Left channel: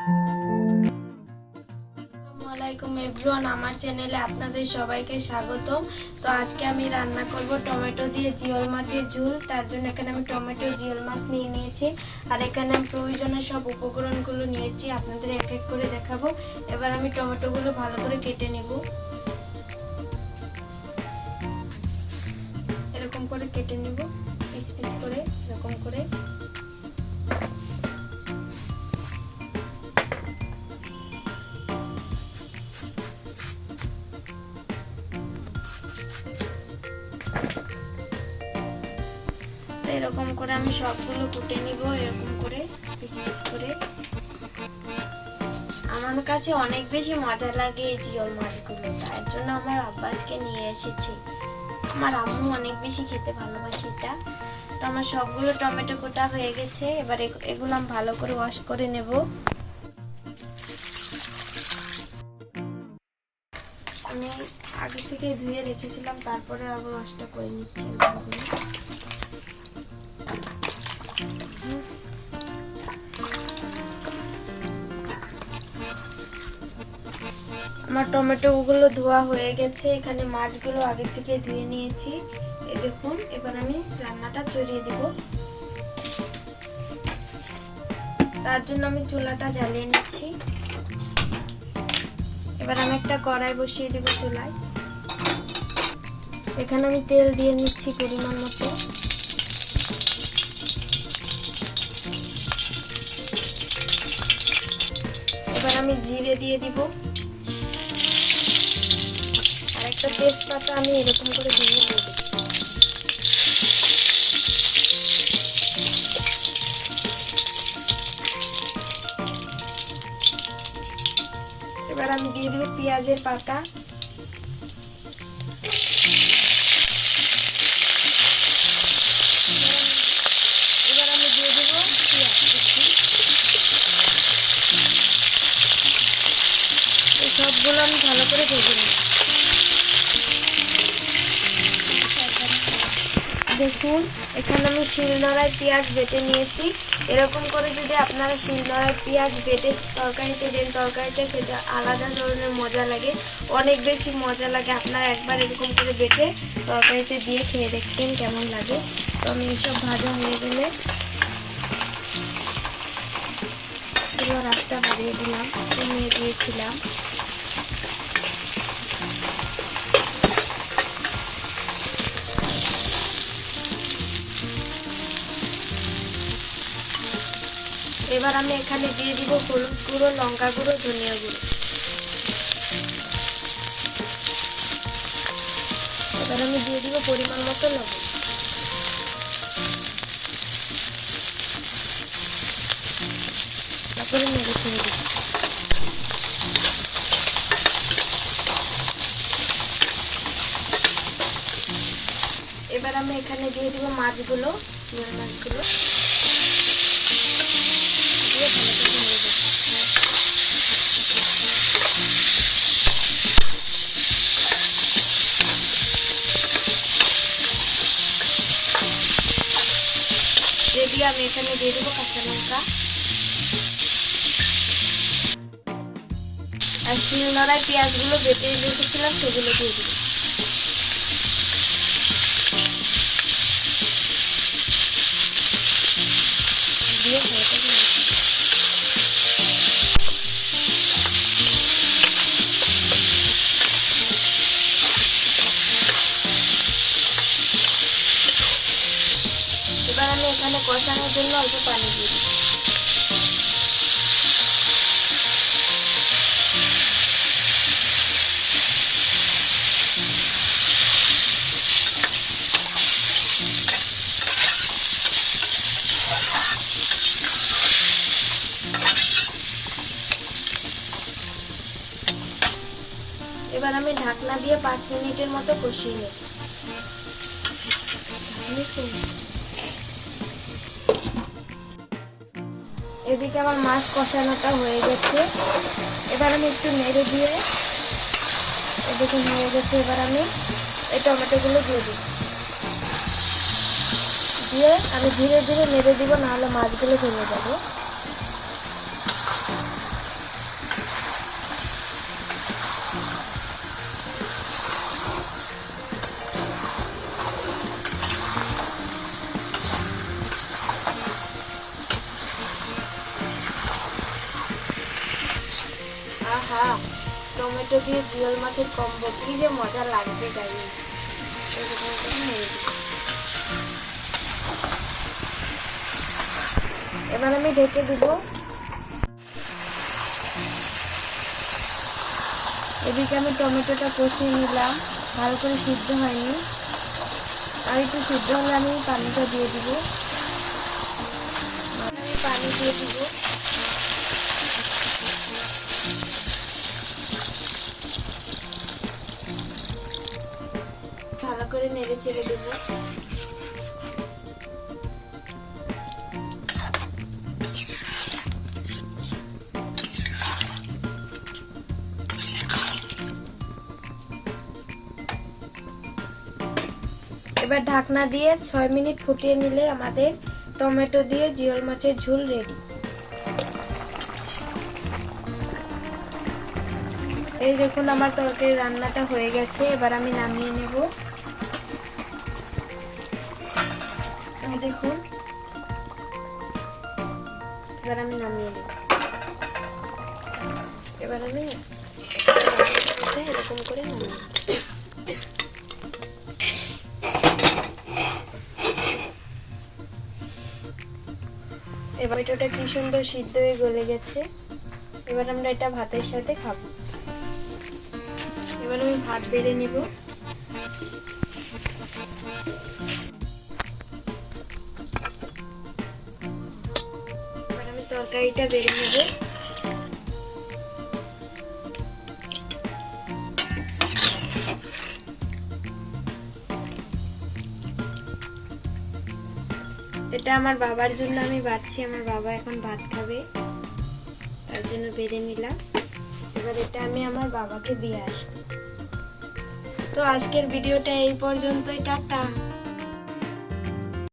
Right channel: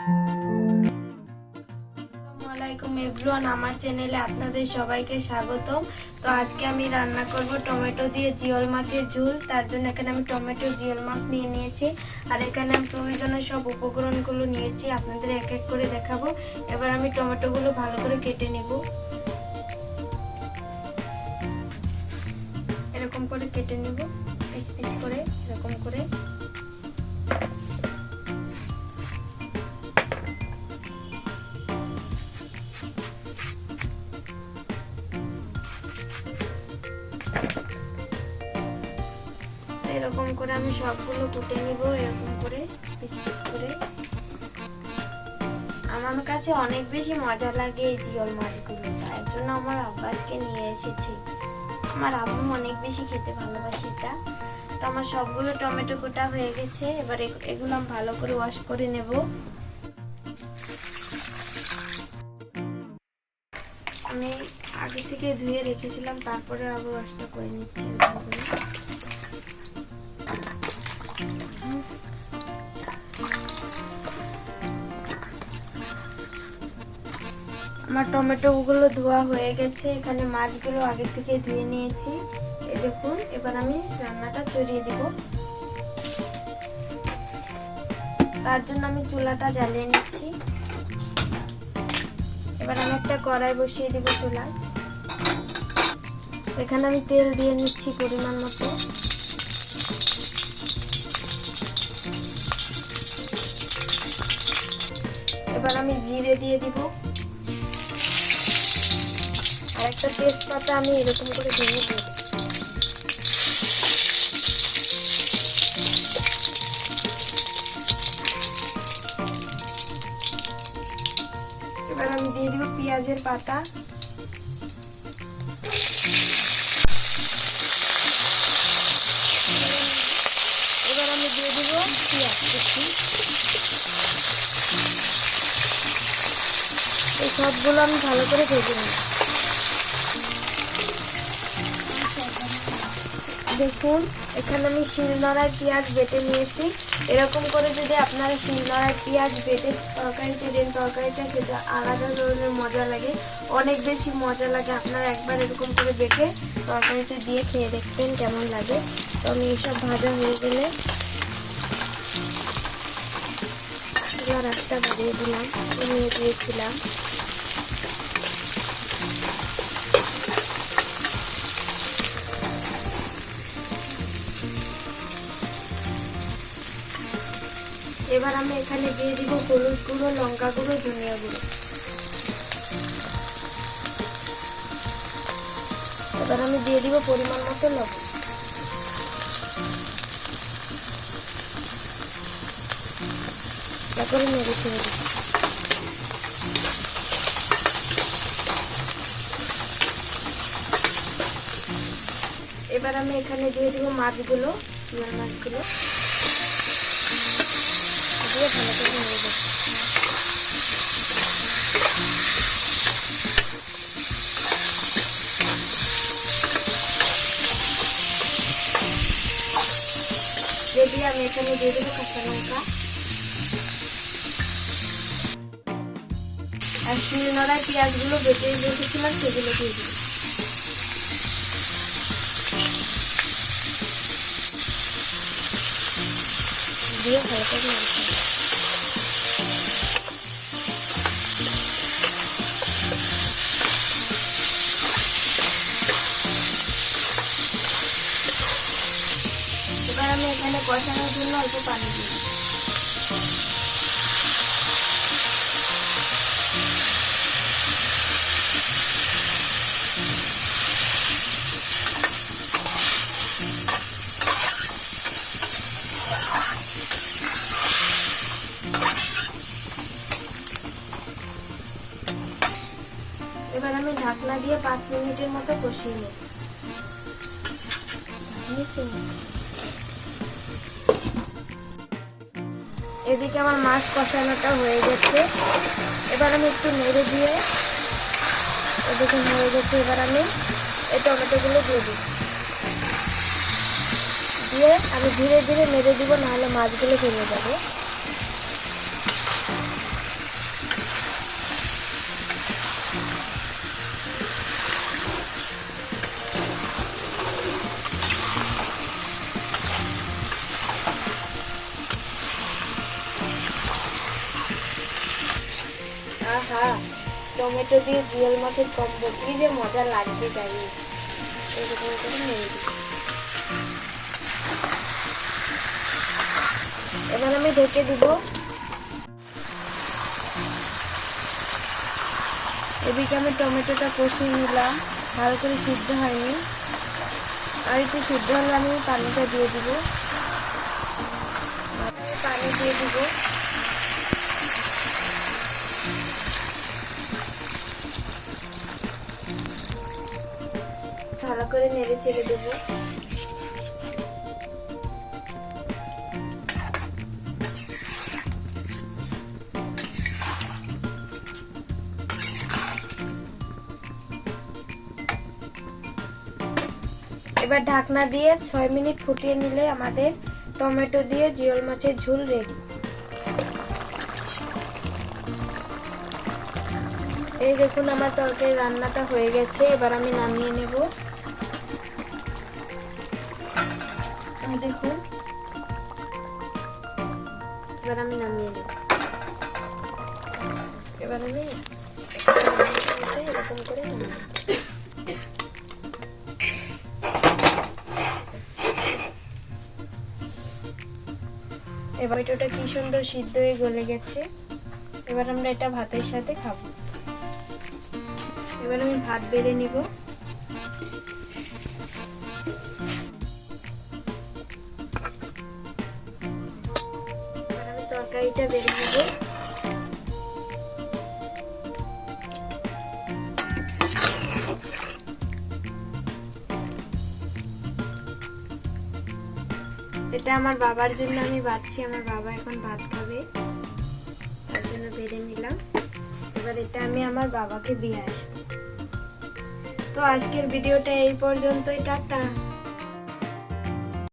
আসসালামু এভরিওয়ান, আমার চ্যানেলে আপনাদের সবাইকে স্বাগতম। তো আজকে আমি রান্না করব টমেটো দিয়ে জিওল মাছের ঝোল। তার জন্য এখানে আমি টমেটো জিওল মাছ নিয়ে নিয়েছি, আর এখানে আমি প্রয়োজনীয় সব উপকরণগুলো নিয়েছি, আপনাদের এক এক করে দেখাবো। এবার আমি টমেটোগুলো ভালো করে কেটে নেব, এরকম করে কেটে নেব, পিস পিস করে এরকম করে। এরকম করে আমি সবগুলো কুটে নিব, এরকম করে পিস পিস করে। আমার কাছে অনেক বেশি মজা লাগে এই জিওল মাছগুলো, তার জন্য আমার আব্বা আজকে নিয়ে এসেছি। আমার আম্মু অনেক বেশি খেতে ভালোবাসে এটা। তো আমার সবগুলো টমেটো কোটা হয়ে গেছে, এবার এগুলো আমি ভালো করে ওয়াশ করে নেব। আমি আগে থেকে ধুয়ে রেখেছিলাম, তারপরে আবার ওয়াশটা করে নিচ্ছি। আমার টমেটোগুলো ধোয়া হয়ে গেছে, এখানে মাছগুলো আগে থেকে ধুয়ে নিয়েছি। এই দেখুন, এবার আমি রান্নাটা চড়িয়ে দেব। তার জন্য আমি চুলাটা জ্বালিয়ে নিচ্ছি। এবার আমি একটা কড়াই বসিয়ে দেব চুলায়। এখানে আমি তেল দিয়ে নিচ্ছি পরিমাণ মতো। এবার আমি জিরে দিয়ে দিব, আর একটা তেজপাতা আমি এরকম করে ভেঙে দিয়ে দেব। এবার আমি দিয়ে দিব পেঁয়াজের পাতা। এবার আমি দিয়ে দিব পেঁয়াজ কুচি। এই সবগুলো আমি ভালো করে ভেজে নেব। দেখুন, এখানে আমি শিলনোড়ায় পেঁয়াজ বেটে নিয়েছি। এরকম করে যদি আপনারা শিলনোড়ায় পেঁয়াজ বেটে তরকারিতে দেন, তরকারিটা খেতে আলাদা ধরনের মজা লাগে, অনেক বেশি মজা লাগে। আপনারা একবার এরকম করে বেটে তরকারিতে দিয়ে খেয়ে দেখবেন কেমন লাগে। তো আমি এইসব ভাজা হয়ে গেলে চুলার আঁচটা বাড়িয়ে দিলাম, কমিয়ে দিয়েছিলাম। এবার আমি এখানে দিয়ে দিব হলুদ গুঁড়ো, লঙ্কা গুঁড়ো, ধনিয়া গুঁড়ো। এবার আমি দিয়ে দিব পরিমাণ মতো লবণ। তারপরে নেড়ে ছেড়ে দিব। এবার আমি এখানে দিয়ে দিব মাছগুলো, জিওল মাছগুলো দিয়ে ভালো করে নেড়ে দেব। দিয়ে আমি এখানে দিয়ে দেবো কাঁচা লঙ্কা, আর শিলনোড়ায় পেঁয়াজগুলো বেটে রেখেছিলাম সেগুলো দিয়ে দেবো। দিয়ে ভালো করে নেড়ে দেব। এবার আমি এখানে কষানোর জন্য অল্প পানি দিয়ে দিই। এবার আমি ঢাকনা দিয়ে 5 মিনিটের মতো কষিয়ে নেব। এদিকে আমার মাছ কষানোটা হয়ে গেছে। এবার আমি একটু নেড়ে দিয়ে, এদিকে হয়ে গেছে, এবার আমি এই টমেটোগুলো দিয়ে দিই। দিয়ে আমি ধীরে ধীরে নেড়ে দিব, নাহলে মাছগুলো ভেঙে যাবে। টমেটো দিয়ে জিওল মাছের কম্বো কি যে মজা লাগবে গাইস। এরকম করে নেড়ে দিই। এবার আমি ঢেকে দিব। এদিকে আমি টমেটোটা কষিয়ে নিলাম, ভালো করে সিদ্ধ হয়নি, আর একটু সিদ্ধ হলে আমি পানিটা দিয়ে দিব। আমি পানি দিয়ে দিব। ভালো করে নেড়ে চেড়ে দেব। এবার ঢাকনা দিয়ে 6 মিনিট ফুটিয়ে নিলে আমাদের টমেটো দিয়ে জিওল মাছের ঝোল রেডি। এই দেখুন আমার তরকারি রান্নাটা হয়ে গেছে। এবার আমি নামিয়ে নেব। দেখুন এবার আমি নামিয়ে নেব। এবার আমি এরকম করে নামিয়ে নেব। এবার এটা কি সুন্দর সিদ্ধ হয়ে গলে গেছে। এবার আমরা এটা ভাতের সাথে খাবো। এবার আমি ভাত বেড়ে নিব। এবার আমি তরকারিটা বেড়ে নিব। এটা আমার বাবার জন্য আমি বাড়ছি, আমার বাবা এখন ভাত খাবে, তার জন্য বেড়ে নিলাম। এবার এটা আমি আমার বাবাকে দিয়ে আসবো। তো আজকের ভিডিওটা এই পর্যন্তই, টাটা।